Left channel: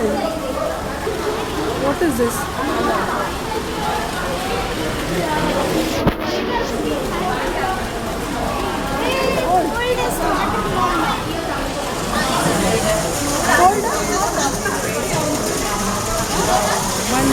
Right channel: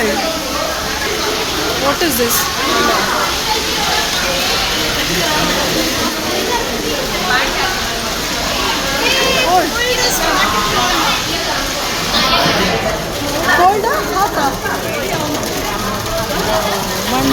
Gold. What is this? Gold. Gold? One.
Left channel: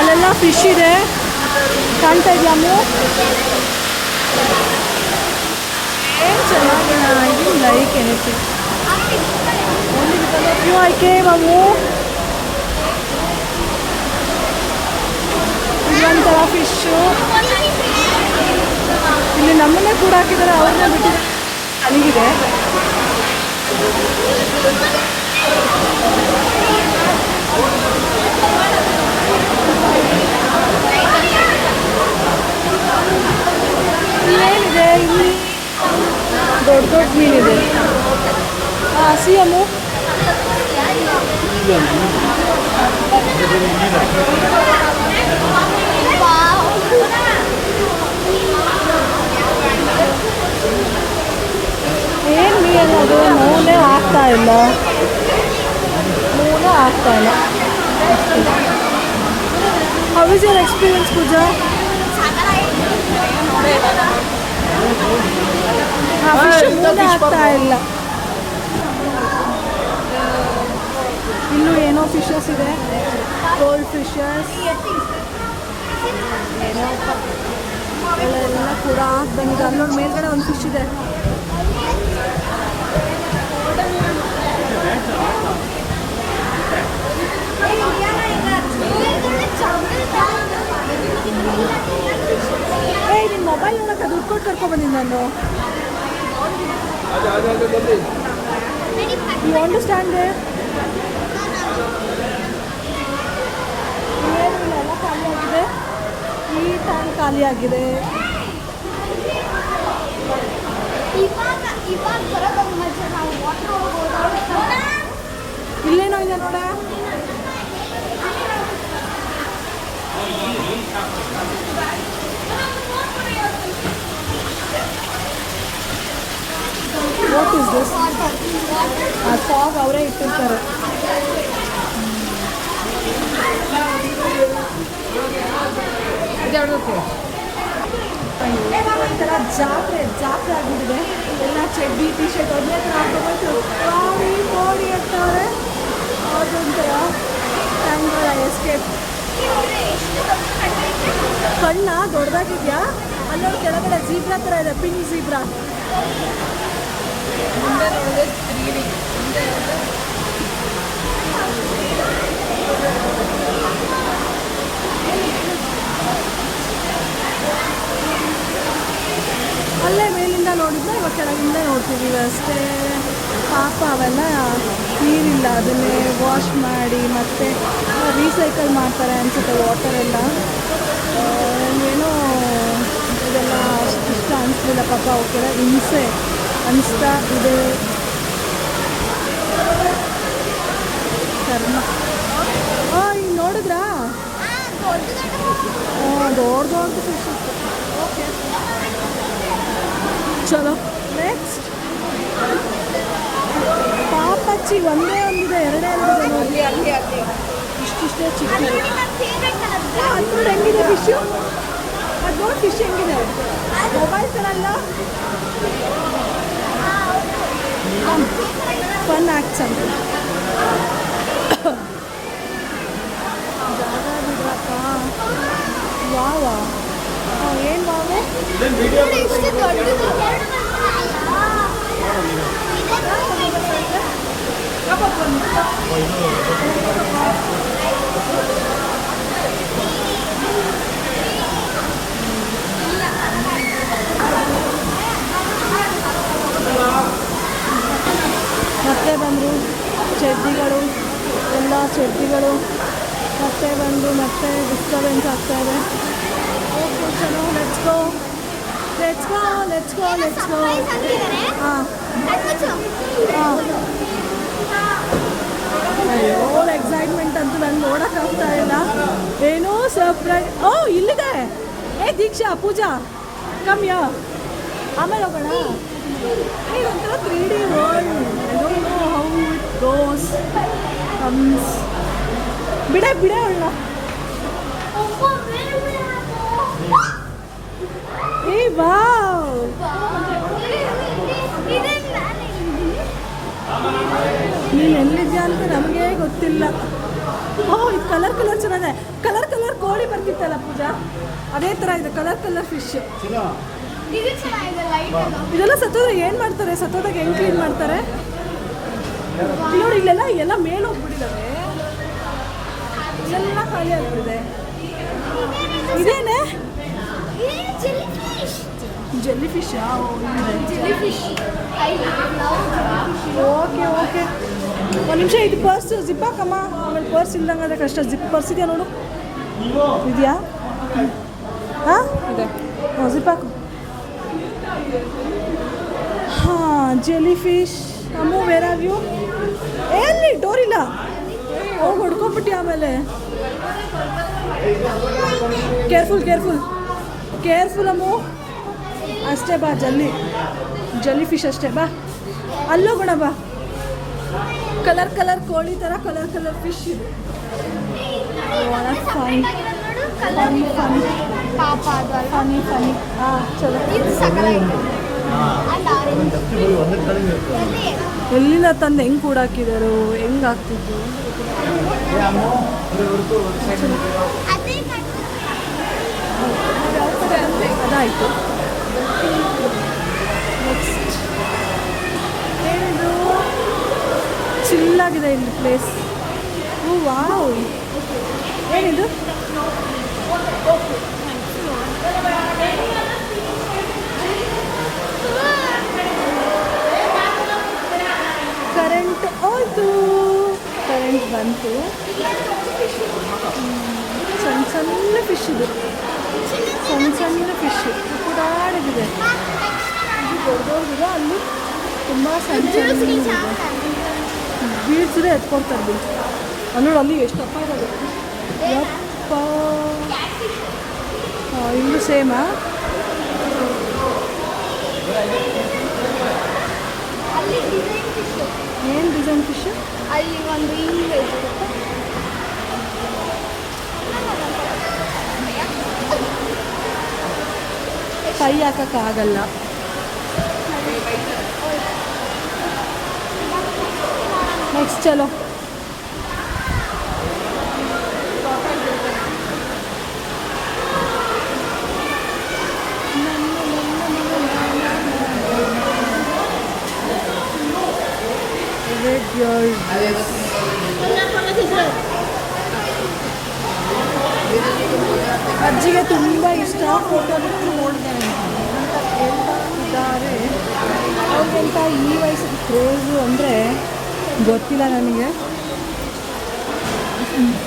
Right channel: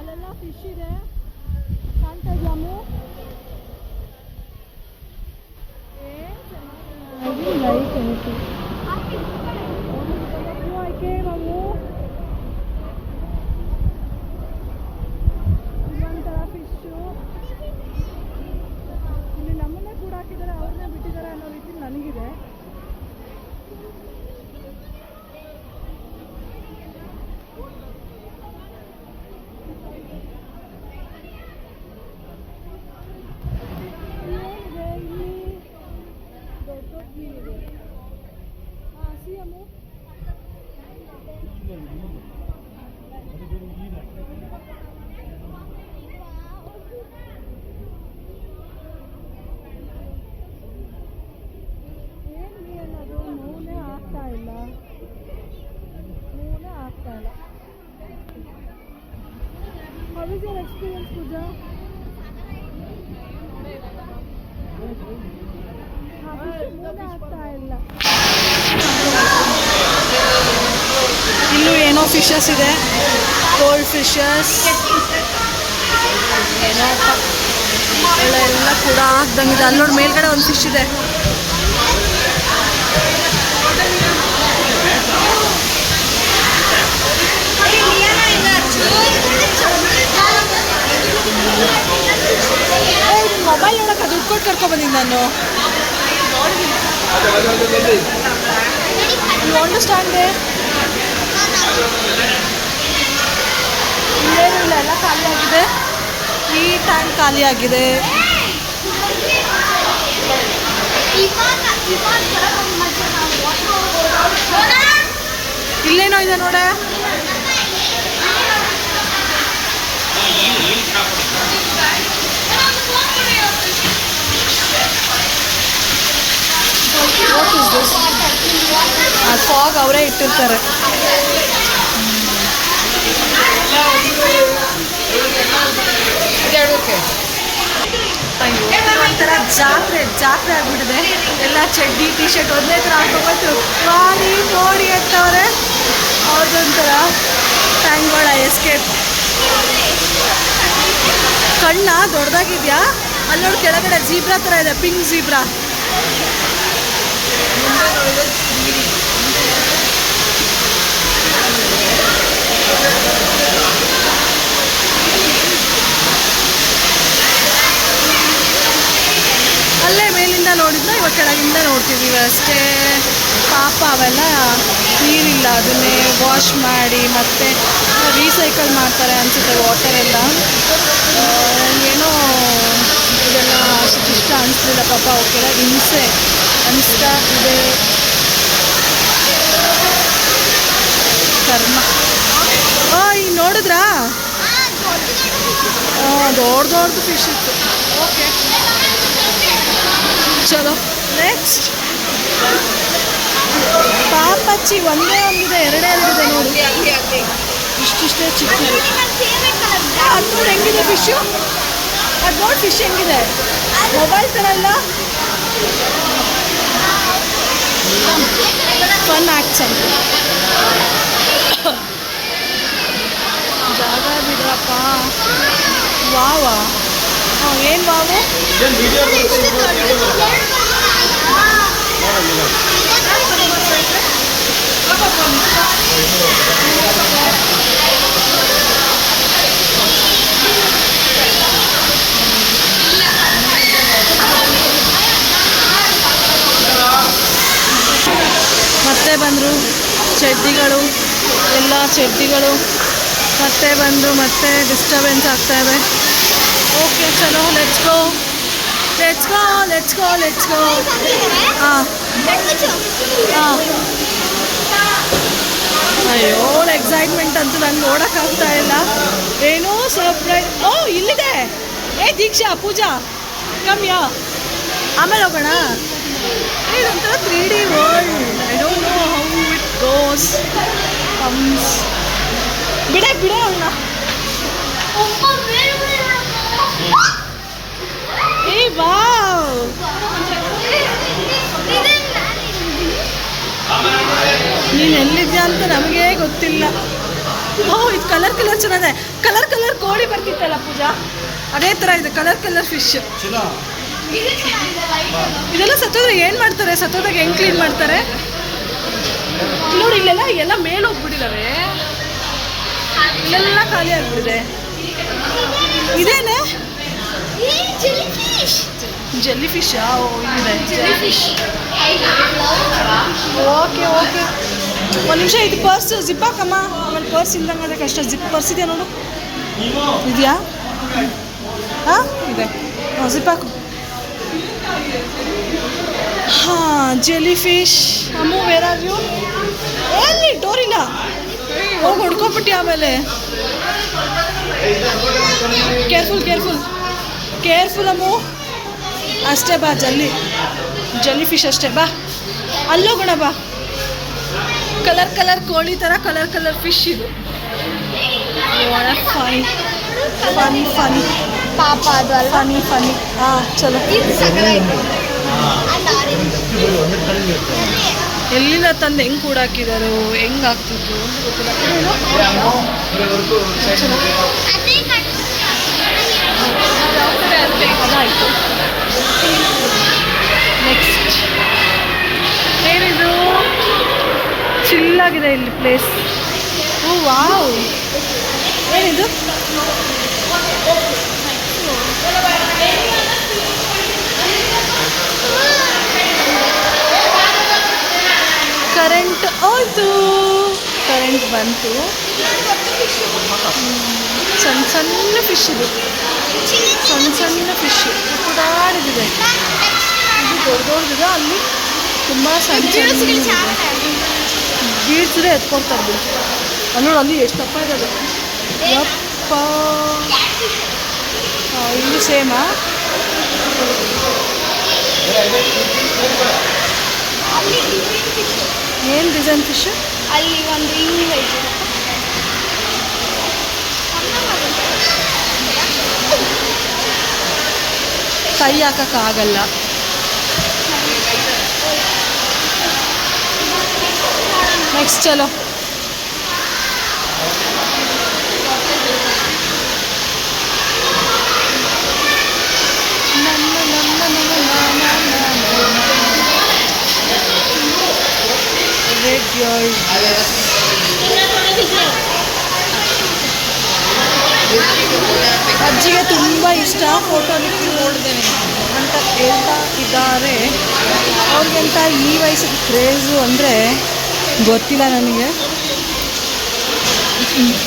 ಅಲ್ಲೆಲ್ಲ fish ಇದೆ ಕಾಣ್ತಾ ಇದೆಯಮ್ಮು. ಏನು ಚೆನ್ನಾಗಿದೆ. ಇದು like anything you I came ಅಮ್ಮು. ಇದೊಂಥರ ಫಿಶ್ಶು. ಇಲ್ಲಿ ನಮ್ಮನ್ನೇ ಕೂಡ ಹಾಕಿದ್ದಾರೆ, ಅವ್ರನ್ನ ಬಿಟ್ಟಿದ್ದಾರೆ. ಅಲ್ಲಿಗಿದೆ ಏನಿದೆ ಇಲ್ಲಿ ದೊಡ್ಡ ದೊಡ್ಡ ಮೀನಿದೆ. ಸಿ ಅಮ್ಮು. ಏನು ಮೀನು ಅದು? ಮೂನೇ ಆಗ್ತಾ ಇಲ್ಲ. ಹೌ ಇಸ್ ಯುವರ್ ಎಕ್ಸ್ಪೀರಿಯನ್ಸ್ ಪೂಜಾ? ಮೂನೇ ಆಗ್ತಾ ಇಲ್ಲ. ಇಲ್ಲೂ ಏನೋ ಫಿಶಸ್ ಇದೆ, ಗೋಲ್ಡ್ ಫಿಶಸ್ ಏನೋ ಎಲ್ಲ ಕೂಡ ಆಗ್ದಂಗಿದೆ. ಅಲ್ಲಿ ನೋಡಿ ಮೇಲ್ಗಡೆ ಒಂದು ಫಿಶ್ ಇದೆ. ಮೊಬೈಲ್ ನೋಡಕ್ಕೆ ದುಡ್ಡು ಕೊಟ್ಟು ಕರ್ಕೊಬಂದಿದ್ದು ನಾನು. You understand? ಏನಿಲ್ಲ, ಎಲ್ಲ ಖಾಲಿಯಾಗಿದೆ. ಈ ಟ್ಯಾಂಕ್ ಖಾಲಿಯಾಗಿದೆ. ಇಲ್ಲೇನೋ ಇದೆ ನೋಡೆ. What is this? ಆ ಫಾಗ್ ಅವರೇ ಇಟ್ಟಿರ್ತಾರೆ. ಒಂಥರ ಜಾತ್ರೆ ಆಗ್ಬಿಟ್ಟಿದೆ. ಎಲ್ಲ ಚಡ್ಡಿ ಟಿ ಶರ್ಟ್ ಒಂದೇ ಥರ ಹಾಕೊಂಡ್ಬಂತು ನೋಡಿ ನೋಡಿ ಅಂತವ್ರೆ. ಅವ್ರದ್ದೊಂಥರ ಟ್ಯಾಂಕ್ಗಳ ಎಸ್ಕೇಪ್. ಕಣ್ಣ ದೊಡ್ಡದಾಗಿದೆಯಾ? ಅಲ್ಲಿ ನೋಡಿ ಕೆಳಗಡೆ ಜೀಬ್ರಾ ಥರ ಇದೆ, ಪಿಂಕ್ ಜೀಬ್ರಾ. ಅಲ್ಲೇ ಮೇಲಿಂದ ನೋಡಿದ್ರೆ ಇವಾಗ ಕೆಳಗಿಂದ ನೋಡ್ತಿದ್ದೀವಿ ಅಷ್ಟೇ. ಪಾಪ ಅವೆಲ್ಲ ನೀರಿಲ್ಲ, ಅದನ್ನೇ ವಾಶ್ ಮಾಡಿ ಮತ್ತೆ ರೀಸೈಕಲ್ ಮಾಡ್ತಾರೆ ಅನಿಸುತ್ತೆ ವಾಟರೆಲ್ಲ. ಏನೋ ಇದೆಲ್ಲ ಅಷ್ಟು ಇಷ್ಟ ಅನಿಸ್ಲಿಲ್ಲ ಪಾಪ. ಅವಕ್ಕೆಲ್ಲ ಹಿಂಸೆ ಅನಿಸ್ತಾ ಇದೆ. ಕರ್ಮ. ಈಗ ನೋಡಿದ್ರಾ? ದೊಡ್ಡದು ಫಿಶ್ ಇತ್ತು. ಓಕೆ ಚಲೋ ನೆಕ್ಸ್ಟ್. ಪಾಪಚ್ಚಿ ಒಂದೇ ಒಂದಿದೆ, ಎರಡೇ ನೋಡಿ. ಇಷ್ಟಿಷ್ಟೇ ಚಿಕ್ಕದು. ಅದು ನೋಡಿ ಹೆಂಗಿದೆ ಫಿಶ್ಶು. ಅದು ನೋಡಿ ಫಿಶ್ ಹೆಂಗಿದೆ. ಮೊಬೈಲ್ ಥರ ಅಲ್ಲ, ಫನ್ ಆ್ಯಕ್ಟ್ಸ್ ಅಂತ. ಜಾಗ ಬಿಡ್ರಪ್ಪ. ವಾವಾ. ಏನು ವಾವು? ಮತ್ತೆ ಬಂದರು ಚಡ್ಡಿಗಳು, ಎಲ್ಲ ಚಡ್ಡಿಗಳು ಮತ್ತೆ ಬಂದು ಮತ್ತೆ ಡಿಸ್ಟರ್ಬೆನ್ಸ್ ಆಗ್ತಾಯಿದೆ. ಓಕೆ ಚಲೋ let's go let's go let's go let's go. ಹಾಂ ಹಾಂ, ಅಯ್ಯೋ ಎಕ್ಸೈಟ್ಮೆಂಟ್ ಅಂತೂ ನಂಗೆ ನೋಡೋಕ್ಕಾಗ್ತಾ ಇಲ್ಲ. ಏನೋ ಸರ್ಪ್ರೈಸ್. ಓ ಇಲ್ಲಿದೆ. ದೀಕ್ಷಾ ಪೂಜಾ ಕಮ್ಯಾ, ಆಮೇಲೆ ಹೋಗೋಣ. ಇದೊಂಥರ 3D world. I don't know how it goes comes. ಬಿಡೆ ಅವಳನ್ನ. ಏ ವಾವ್, ನೀನು ಎಲ್ಲಿದ್ಯಾ ಅಂತ ನಮಗೆ ಗೊತ್ತಿಲ್ಲ. ಓಹ್ ಇದು ಕಲರ್ ಚೆನ್ನಾಗಿದೆ. ಕಲರ್ ಕೋಳಿ ಬರ್ತಿತ್ತಲ್ಲ ಪೂಜಾ, ಅದೇ ಥರ ಇದೆ ಕಲರ್ ಫಿಶ್. ಇದೆಲ್ಲ ಸತ್ತೋದ್ರೆ ಏನು ಮಾಡ್ತಾರೆ? ಸತ್ತೋದಾಗ ಹೆಂಗೆ ಕ್ಲೀನ್ ಮಾಡ್ತಾರೆ ನೋಡಿ. ಇಲ್ಲೆಲ್ಲ ಎಲ್ಲ ಮೇಲೆ ಹೋಗ್ಬಿಟ್ಟಿದ್ದಾವೆ, ಇಲ್ಲೆಲ್ಲ ಖಾಲಿ ಆಗ್ಬಿಟ್ಟಿದೆ. ಇದೇನೆ ಜೆಲ್ಲಿ ಫಿಶಾ? ಇಲ್ಲಿದೆ. ಓಕೆ ಒಂದು ನಿಮಿಷ, ಇದು ಪರ್ಸ್ ಜಿಪ್ ಹಾಕಮ್ಮ. ಆಮೇಲೆ ಪರ್ಸ್ ಇಲ್ದಂಗೆ ಅದೇ ಕಷ್ಟ. ಜಿಪ್ ಪರ್ಸ್ ಇದೆಯಾ ನೋಡು, ಇದೆಯಾ? ಹಾಂ ಇದೆ. ಜಿಪ್ ಹಾಕು. ಹಾಂ jellyfish. Ammu where are you? ಎಲ್ಲಿ ಡೋರ್ ಇಲ್ಲ, ಹೋಗಿ ಹೊಡ್ಕೊಬಿಟ್ಟು ಆಮೇಲೆ. ಕೇರ್ಫುಲ್ ಅಮ್ಮು. ಅಷ್ಟೇ ಬಾ, ಜಲ್ಲಿ ಫಿಶ್ ಅಷ್ಟೇ ಬಾ. ಅಲ್ಲೋಗೋಣ ಬಾ. ಕಲರ್ ಕೋಳಿ ಥರ ಕಲರ್ ಫಿಶ್ ಇದು. ಫನಿ. ಹಾಂ ಚಲೋ. ಎಲ್ಲಿಂದ ತಂದು ಹೆಂಗೆ ಕೂಡಾಕಿದಾರೋ, ಹೆಂಗೆ ಆಗ್ತಿದ್ರು ಅದಾಯಿತು. ನೆಕ್ಸ್ಟ್ ಏನಿದು? ಚಿಲ್ಲಾಗಿದೆ ಇಲ್ಲಿ ಪ್ಲೇಸ್. ಓ ವಾವ್, ಏನಿದು? ಕರೆಂಟ್ ಹೋಯ್ತು. ಕರೆಂಟ್ ಬಂತು. ಸಣ್ಣ ಫಿಶ್ ಇದು, ಸಣ್ಣ ಫಿಶ್ ಪುಟಾಡಿದಿದೆ. ಇದು ದೊಡ್ಡದಿದೆ, ಅಲ್ಲಿ ತುಂಬ ಸಣ್ಣ ಗೀಡ್ಸಿದೆ ಎತ್ಕೊಳ್ತಾರೆ ಬಿಡು. ಅಲ್ಲಿ ನೋಡಿ, ಅಲ್ಲಿ ಎಷ್ಟು ತಪ್ಪ ಇರೋದು. ಯಪ್ಪ, ಇಲ್ಲಿ ಸೇಮಾ? ಏನು ಡಿಸೈನ್ ಫಿಶ್? ಅಲ್ಲಿ ಒಂದು ಕೈ ಹಾಕೋಕ್ಕಾಗಲ್ಲ. ನೆಕ್ಸ್ಟ್ ಚಲೋ. ಅಜ್ಜಿಗೆ ತುಂಬ ಇಷ್ಟ ಫೋಟೋ ನೋಡಿದೆ ಅಂತ ಹೇಳ್ತಾ ಇದ್ದಾರೆ. ಅವ್ರಿಗೆಂತ ಈ ವಯಸ್ಸಿಗೆ ಕ್ರೇಜು ಅಂದರೆ ಗೊತ್ತಿಲ್ಲ ನನಗೆ.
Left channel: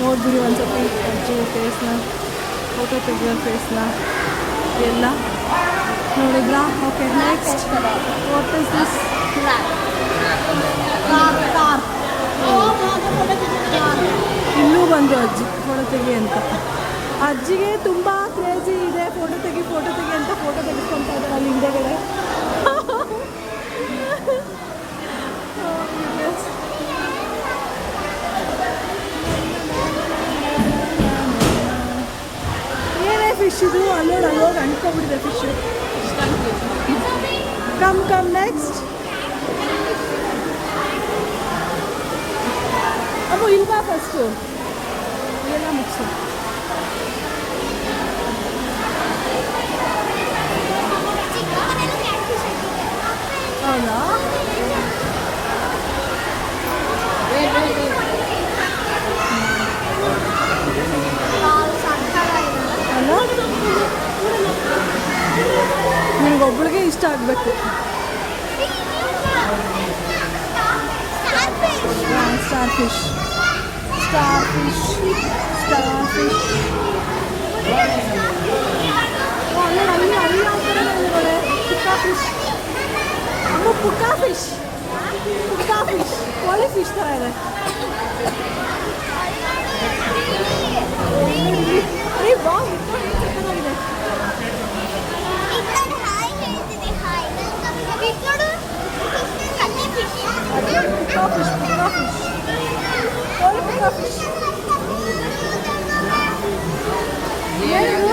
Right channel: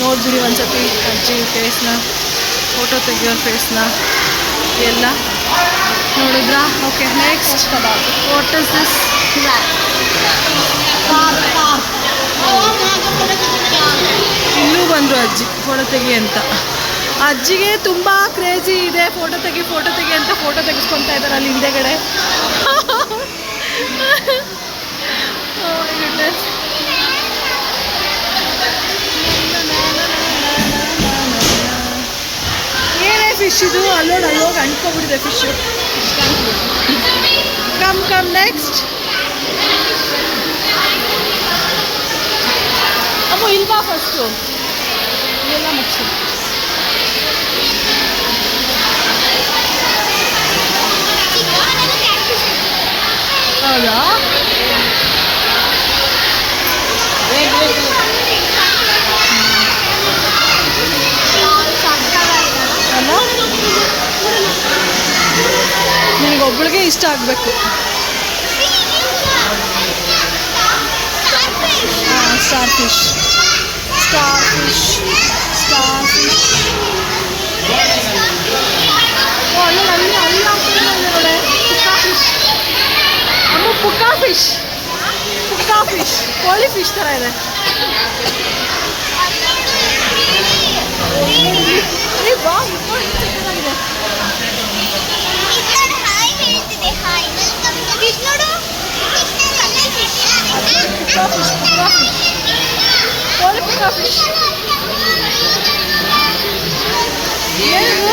ನೋಡ್ಬಿಡಿ ಒಂದ್ಸತಿ ಅಜ್ಜಿ ಫೇಸ್ನ, ಫೋಟೋ ತೆಗಿಯೋರ ಫೇಸ್ನ ಎಲ್ಲ ನೋಡಿದ್ರಾ? Okay next what is this? ಇನ್ನೂ ಬಂದರು ಅಜ್ಜಿ ಫೋಟೋ ತೆಗಿ ಅಂತ. ಅಜ್ಜಿಗೆ ತುಂಬ ಕ್ರೇಜಿ ಇದೆ, ಫೋಟೋ ತೆಗಿ ಅಂತ ಫೋಟೋ ತೆಗೆಸ್ಕೊತಾ ಇದ್ದಾರೆ ಅಲ್ಲಿ ಹಿಂದೆಗಡೆ. ಏನೇ ಫಿಶ್ ಇದು? ಅಲ್ಲೋಗಿ ಅಂಟ್ಕೊಬಿಟ್ಟಿದೆ ಫಿಶ್ಶು. Come next. ಅಮ್ಮ ಇಲ್ವಾ ಫಸ್ಟು ಇದೆಲ್ಲ ಮುಗಿಸಿ. ಹೌದಾ? ಅಲ್ಲ, ನನಗೊಬ್ಬಳಿಗೆ ಇಷ್ಟ ಆಗಬೇಕು. Star fish, star fish, star fish. ಪುಕ್ಕಾ ಫಿಶ್, ಪುಕ್ಕಾ ಫಿಶ್, ಕೋಳಿ ಫಿಶ್ ಥರ ಇದೆ. ಬಾ, ಚೆನ್ನಾಗಿದೆ. ಪುಕ್ಕಾ ಫಿಶ್, ಪುಕ್ಕಾ ಫಿಶ್, ಕೋಳಿ ಪುಕ್ಕಾ ಫಿಶ್. ಏನು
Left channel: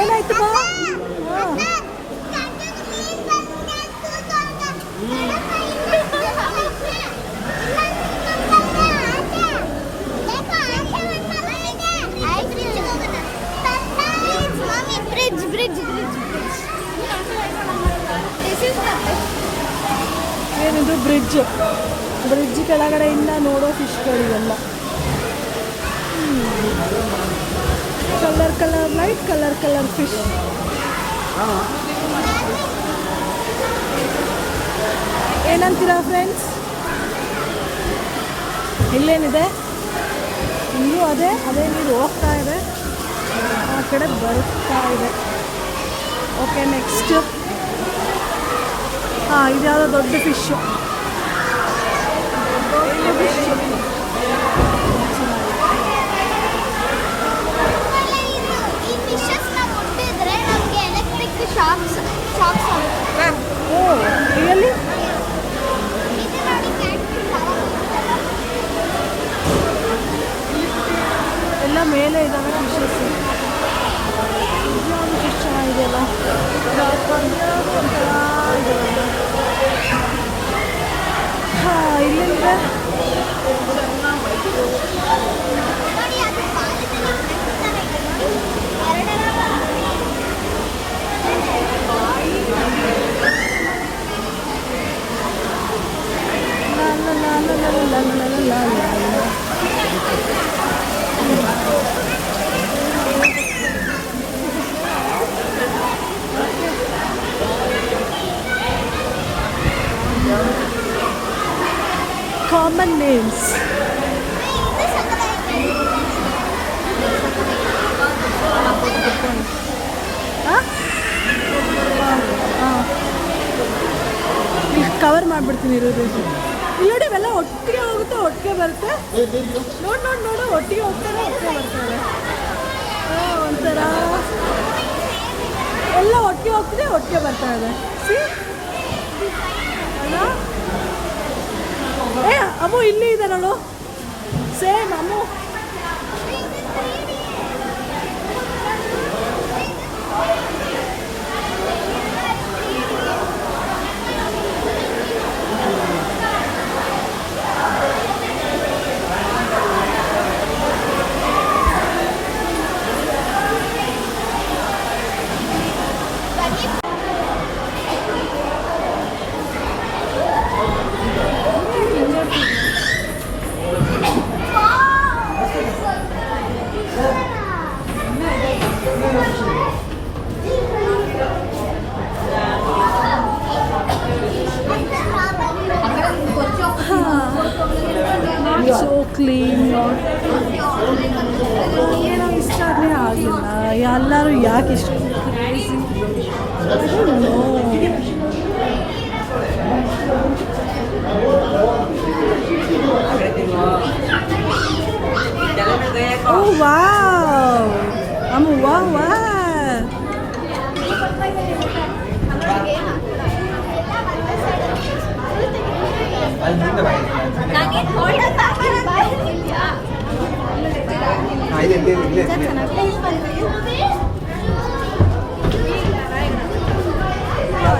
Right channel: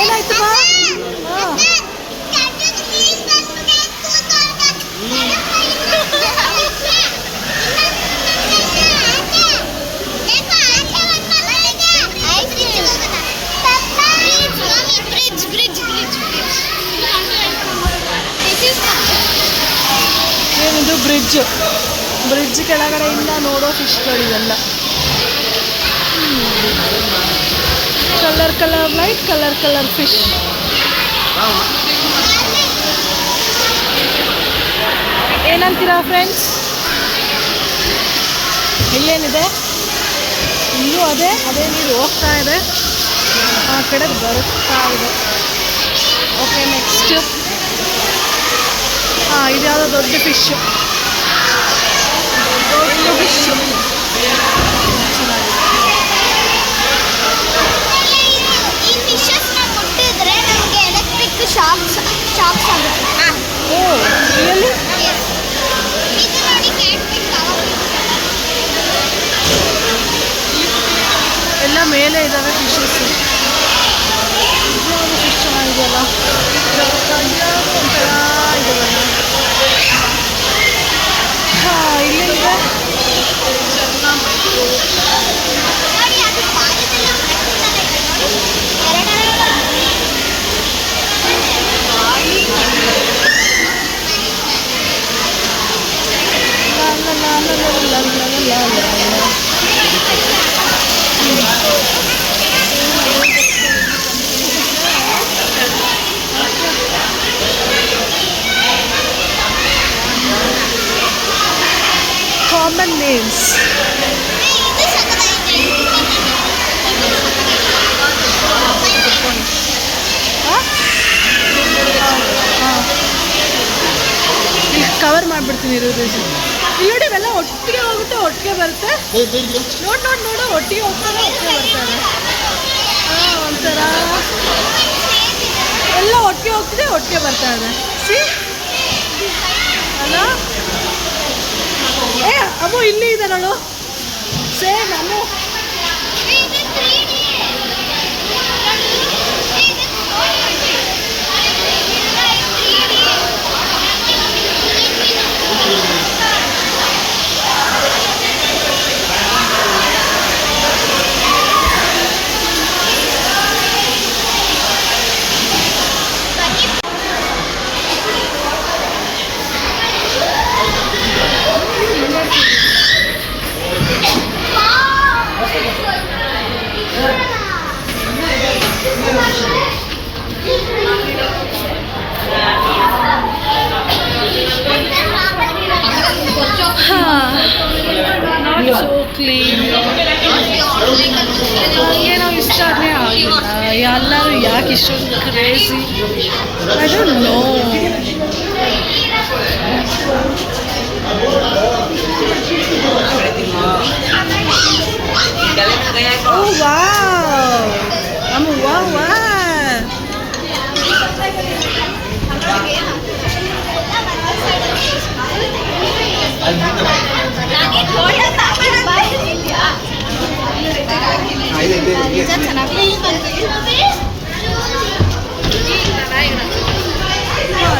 ಏನಾಯ್ತು ಬಾ? ಹಾಂ, ಏನಿದು ಬ್ರಿಡ್ಜ್, ಬ್ರಿಡ್ಜ್ ಕೆಳಗಡೆಯಿಂದ ನೋಡೋ ಫಿಶ್ಗಳಿವೆಲ್ಲ. Colour colour light, colour colour fish. ಏನಂತೀರಾ ಫ್ರೆಂಡ್ಸ್? ಇಲ್ಲೇನಿದೆ? ಇಲ್ಲೂ ಅದೇ ನೀರು ಹೋಗ್ತಾ ಇದೆ, ಆ ಕಡೆ ಬರುತ್ತಾ ಇದೆ. ಓಕೆ, ನೆಕ್ಸ್ಟು ಇದು ಯಾವುದೋ ದೊಡ್ಡ ಫಿಶ್ಶು, ದೊಡ್ಡ ಫಿಶ್ಶು ಚೆನ್ನಾಗಿದೆ. Oh really? ಎಲ್ಲ ಮೇಲೆ ಇದ್ದಾವೆ ಫಿಶಸ್. ಯಾವುದು ಫಿಶ್ ಚೆನ್ನಾಗಿದೆಯಲ್ಲ, ಒಂಥರ ಇದೆಯಲ್ಲ. ಹಾಂ, ಇಲ್ಲಿಂದ common names. ಕವರ್ ಮಾಡಿಬಿಡ್ತೀನಿ ಇರೋದು. ಇಲ್ಲಿ ನೋಡಿ, ಇವೆಲ್ಲ ಒಟ್ಟಿಗೆ ಹೋಗುತ್ತೆ, ಒಟ್ಟಿಗೆ ಬರುತ್ತೆ. ನೋಡು, ಒಟ್ಟಿಗೆ ಹೋಗ್ತಾರೆ, ಒಟ್ಟಿಗೆ ಬರ್ತಾರೆ. ಒಂಥರ ಎಲ್ಲ ಒಟ್ಟಿಗೆ ಹೋಗ್ತಿದೆ, ಒಟ್ಟಿಗೆ ಬರ್ತಾ ಇದೆ. ಸಿ ಅಲ್ಲ? ಅಮ್ಮು ಇಲ್ಲಿ ಇದೆ ನೋಡು, same Ammu. Not so clean. ಏನೋ ಇಷ್ಟನೇ ಆಗಿಲ್ಲ. ಎಲ್ಲರೂ ಯಾಕೆ ಇಷ್ಟೊಂದು crazy? I don't know. Oh wow! Wow.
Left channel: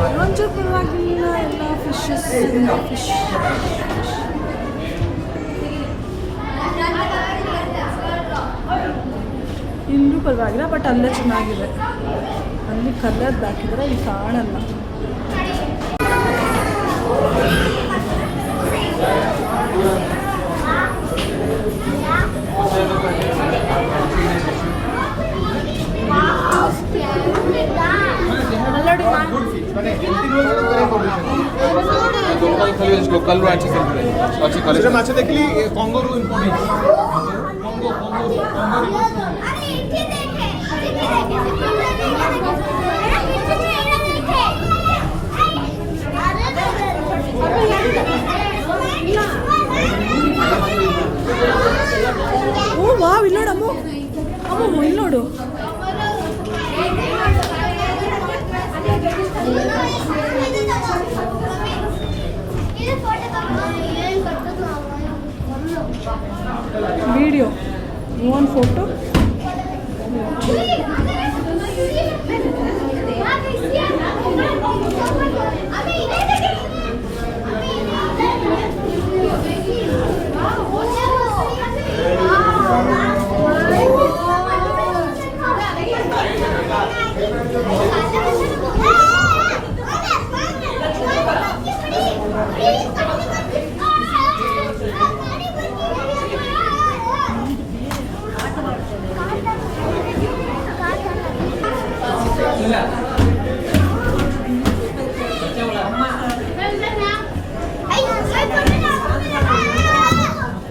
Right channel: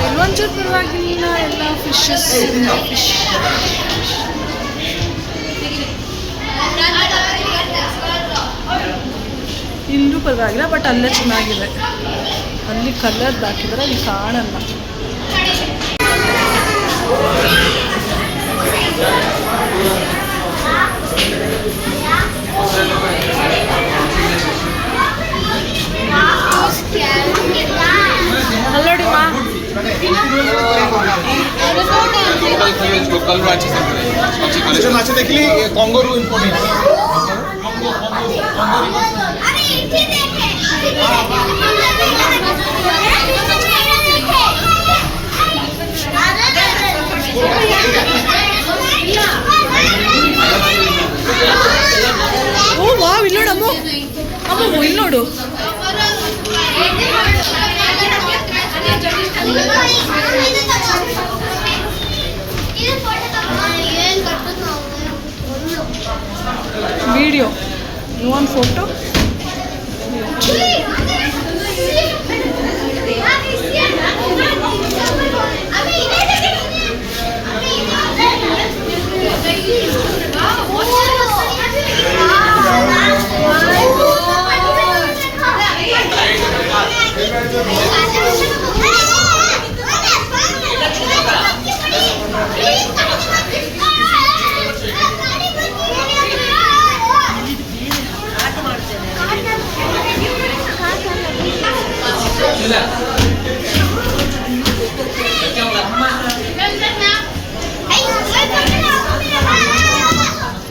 ಇಲ್ಲೊಂಚೂರು ಪರವಾಗಿಲ್ಲ, ಎಲ್ಲ ಫಿಶಸ್. ಇಲ್ಲೂ ಪರವಾಗಿಲ್ಲ, ಬಟ್ ಅಲ್ಲೇ ಚೆನ್ನಾಗಿದೆ. ಅಲ್ಲಿ ಕಲರ್ದು ಹಾಕಿದ್ರೆ ಅಲ್ಲಿ ಕಾಣಲ್ಲ. ನೋಡಿ ಮಾ लोकल ब्रांचेस अच्छी कलेक्शन माछी देखली कांगारू इंपोर्टेड ಓ ವಾವ್ ಇಲ್ಲಿ ನೋಡು ಅಮ್ಮ ಅಮ್ಮ ಇಲ್ಲಿ ನೋಡು ವಿಡಿಯೋ ಯು ವಾಂಟ್ ಫೋಟೋ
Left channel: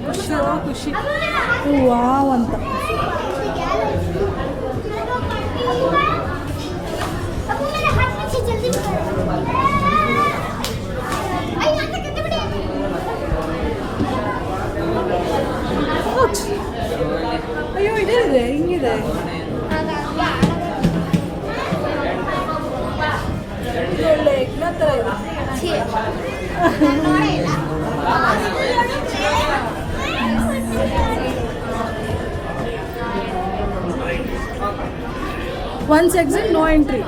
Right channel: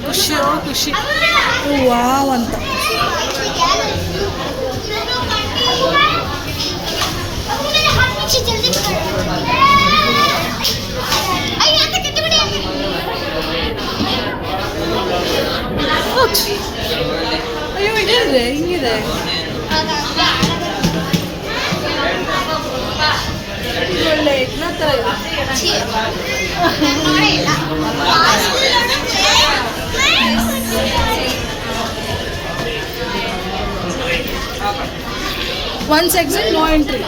ಖುಷಿ ಖುಷಿ ವಾವ್ ಅಂತ ಅಯ್ಯೋ ಇದೇ ಹಿಂಗಿದೆ ಒಳ್ಳೆ ಯಜ್ಞ ಥರ ಇದೆ once exit no entry